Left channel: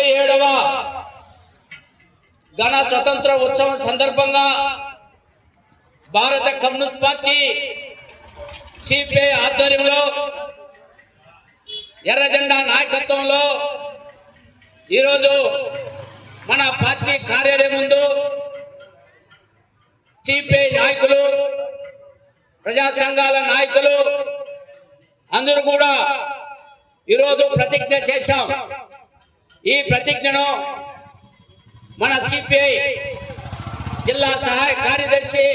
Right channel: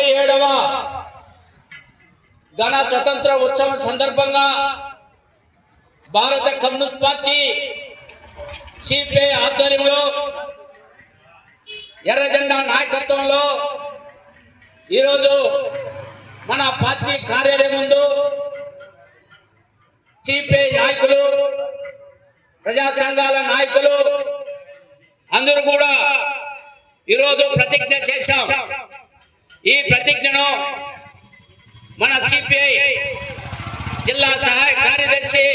77వ ఘన స్వతంత్ర ఉత్సవం సందర్భంగా భారత కమ్యూనిస్ట్ పార్టీ సిపిఐ ఆధ్వర్యంలో ఎర్ర జెండా నాయకత్వంలో ఈరోజు మన పార్టీ కార్యాలయం ముందు సిపిఐ నాయకులు, ప్రజా సంఘాల నాయకులు అందరూ కూడా ఈరోజు ప్రతిజ్ఞ చేశాం. ఈ ప్రతిజ్ఞను మన సిపిఐ జిల్లా సహాయ కార్యదర్శి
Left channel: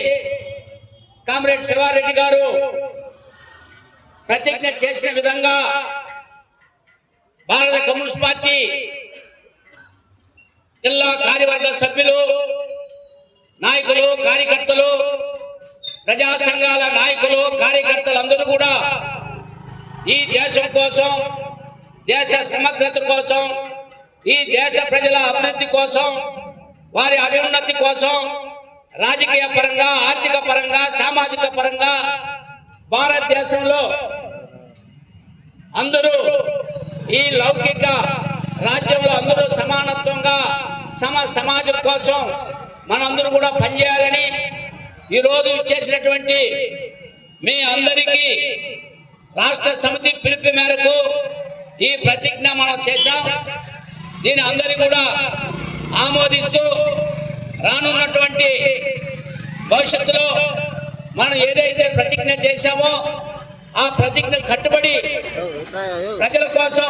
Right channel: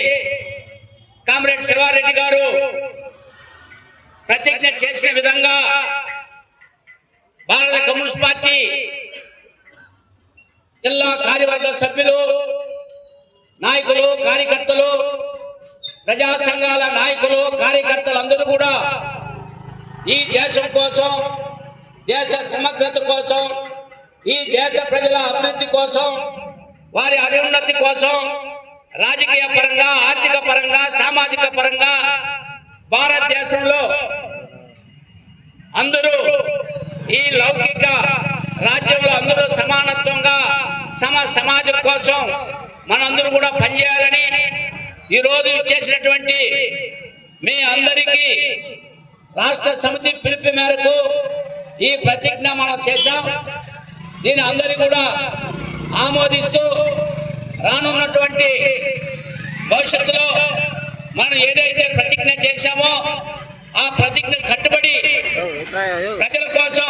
కామ్రేడ్ శివారెడ్డి గారు ప్రతిజ్ఞ చేసిన విధంగా భారత కమ్యూనిస్ట్ పార్టీ జిల్లా కార్యవర్గ సభ్యులు, నాయకులు, కార్యకర్తలు, ప్రజా సంఘాల నాయకులు, కార్యకర్తలు అందరూ కూడా ఈ దేశం కోసం, దేశ సమగ్రత కోసం, ఈ దేశ ప్రజల అభివృద్ధి కోసం, వారి అభ్యున్నతి కోసం రాజకీయ పరంగా, ఆర్థిక పరంగా, సామాజిక పరంగా భారతదేశంలో అందరూ ఈ లౌకిక రాజ్యంలో అందరూ సమానత్వంగా సమాజం కోసం మనందరూ కూడా పనిచేయాలని ఈరోజు ఇచ్చేసినటువంటి మీ అందరికీ రాష్ట్ర సమితి పిలుపు మేరకు ఈ ప్రతిజ్ఞ మనం చేశాం. దీని అందరి కూడా ఆమోదిస్తూ రానున్నటువంటి భవిష్యత్తులో మనం ఏదైతే ప్రతిజ్ఞ చేశామో ఆ ప్రతిజ్ఞ కట్టుబడి ప్రజల కోసం,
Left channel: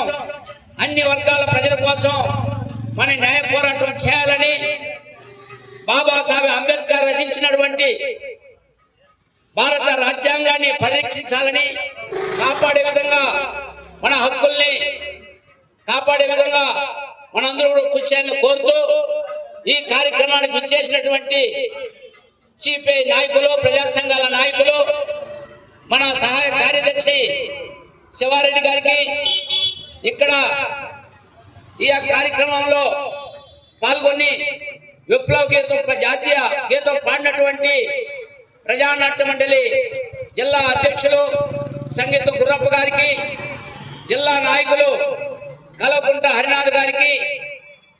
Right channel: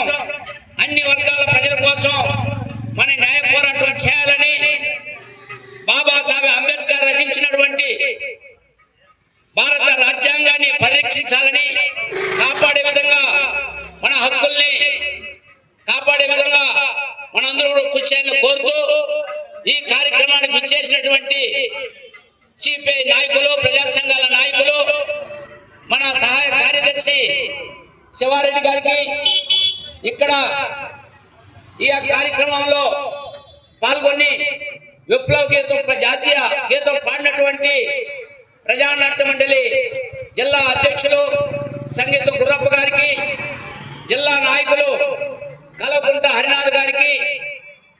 అన్ని వర్గాల ప్రజల కోసం మన న్యాయ పోరాటం చేయాలని, బాబాసాహెబ్ అంబేద్కర్ రచించినటువంటి భారత రాజ్యాంగాన్ని పరిరక్షించాలని, కాపాడే విధంగా మన హక్కుల్ని కాపాడే విధంగా మనందరూ కూడా కృషి చేయాలని కోరుతూ ఈ కార్యక్రమానికి విచ్చేసినటువంటి సిపిఐ నాయకులు, ప్రజా సంఘాల నాయకులు, మన సహాయ కార్యదర్శి శివారెడ్డి గారికి, ఇక్కడ ఈ కార్యక్రమంలో పాల్గొని విప్లవ గీతం, జాతీయ గీతం పాడినటువంటి ప్రజానాట్య మండలి జిల్లా అధ్యక్షులు సంగీత గుర్రప్ప గారికి, జిల్లా నాయకులు కలకుంట హరినాథ్ గారికి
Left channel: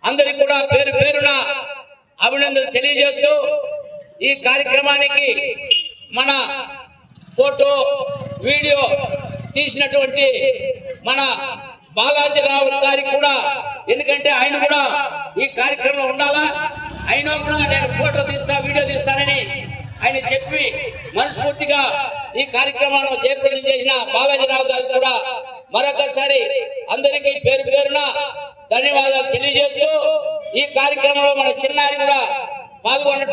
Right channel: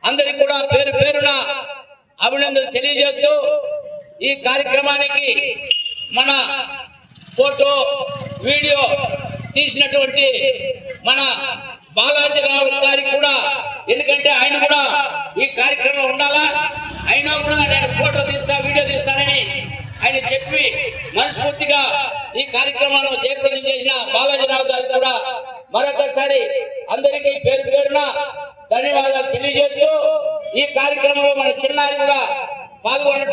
అందరికి కూడా పేరు పేరున అభినందనలు తెలియజేస్తూ ఈ కార్యక్రమానికి మన ఫోటో, వీడియో తీసినటువంటి మన బాలాజీరావు గారికి కూడా, ఎందుకంటే ఆయన కూడా ఈ కార్యక్రమంలో ఉండాలా, అయినా కూడా నేను ఫోటో తీస్తా, వీడియో తీస్తానని ఆయన చెప్పి మనస్ఫూర్తిగా ఈ కార్యక్రమంలో జయప్రదం చేసిన బాలాజీరావు గారికి కూడా మరొకసారి అందరికీ పేరు పేరున ధన్యవాదాలు తెలియజేస్తూ ఈ కార్యక్రమంలో మన చిన్నారి కూడా పాల్గొనటం